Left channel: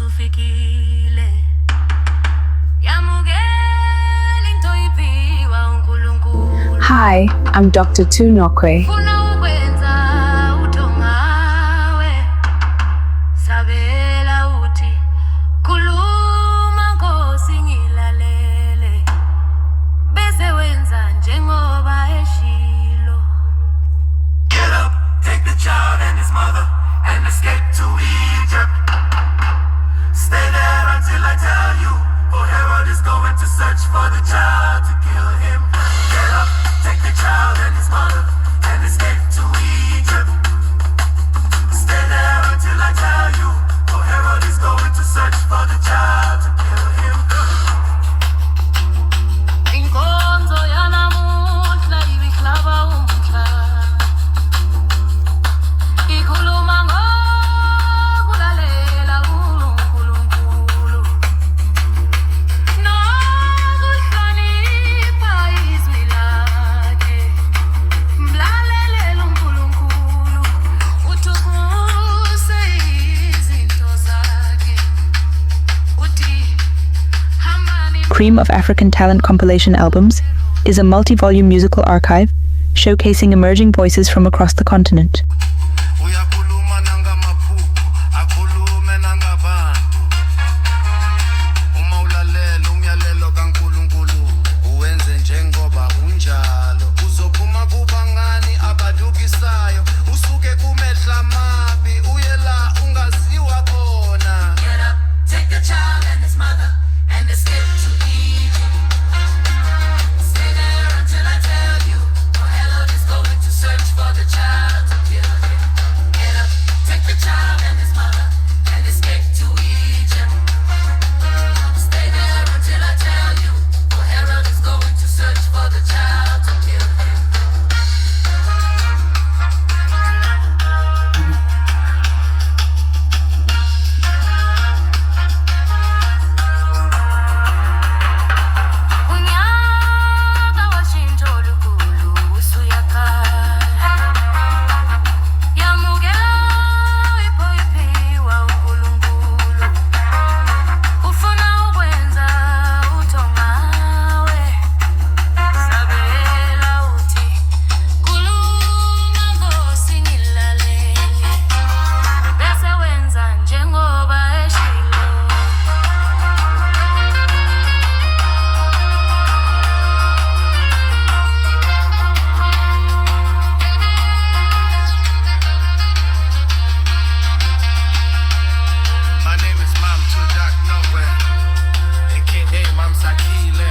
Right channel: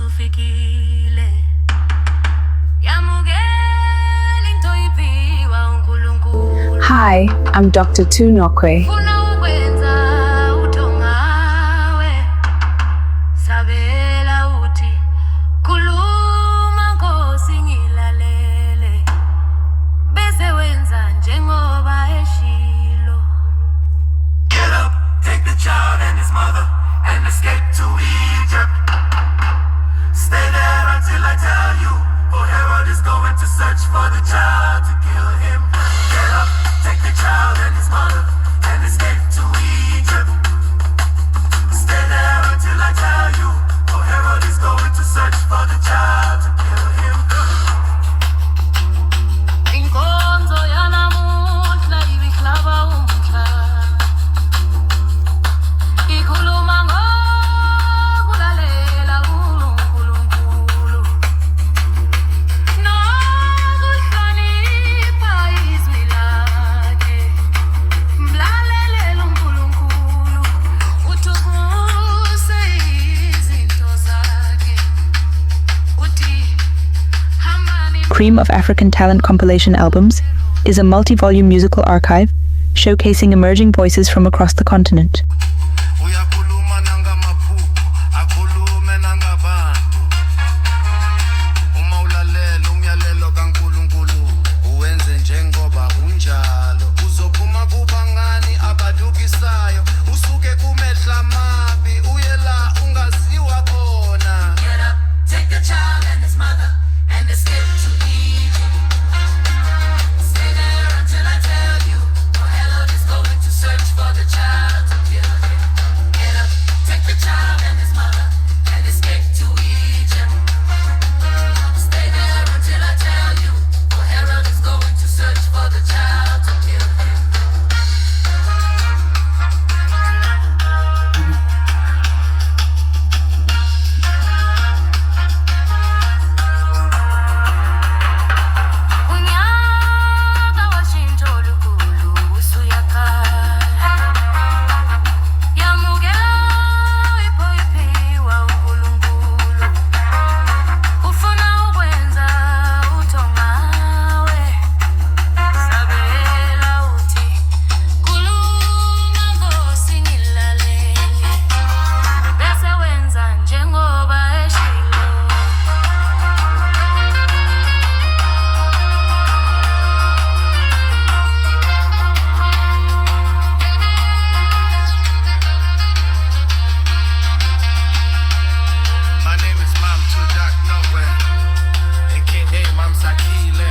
usufikile. Yamukela into iphiwa uNkulunkulu. Hi, I'm Dr. Tunokwe. Funa ukwenza uthongawe. Sabela uthi khuluma Nkosi ngilalele. Bese wenza njengoba eshilo. Get up, take the child and his mother and escape to Egypt. Stay there until I tell you, for Herod is going to search for the child to kill him. Get up, take the child and his mother and escape to Egypt. Stay there until I tell you, for Herod is going to search for the child to kill him. Inkonzo yanamuhla ibihlaba umhla. Ikhuluma ngokulalela uNkulunkulu. Nokuhlonipha izwi lakhe. Mlalele uNkulunkulu. Uthukuse izinto zakhe. Uthi hambani Cream of African Talent compilation albums is a multi-volume musical archive showcasing emerging voices from across the continent. Uyakhuluma nangamaphupho, akhulume nangabantu. Uma ulalela umyalelo kaNkulunkulu, uwenze njengoba unjalo. Uzophuma kubangani abadukisayo, usuke kumehla amabi, uye la ungaziwa khona. Get up, take the child and his mother and escape to Egypt. Stay there until I tell you, for Herod is going to search for the child to kill him. Get up, take the child and his mother and escape to Egypt. Stay there until I tell you, for Herod is going to search for the child to kill him. Unyaka washintsho olukhulu usuyakhala. Yamukela iphiwa uNkulunkulu. Ufuna ukwenza uthongawe. Sabela uthi khuluma Nkosi ngilalele. Bese wenza njengoba eshilo. My name is Mam Tudak Nowhere, aka Mam Sakile.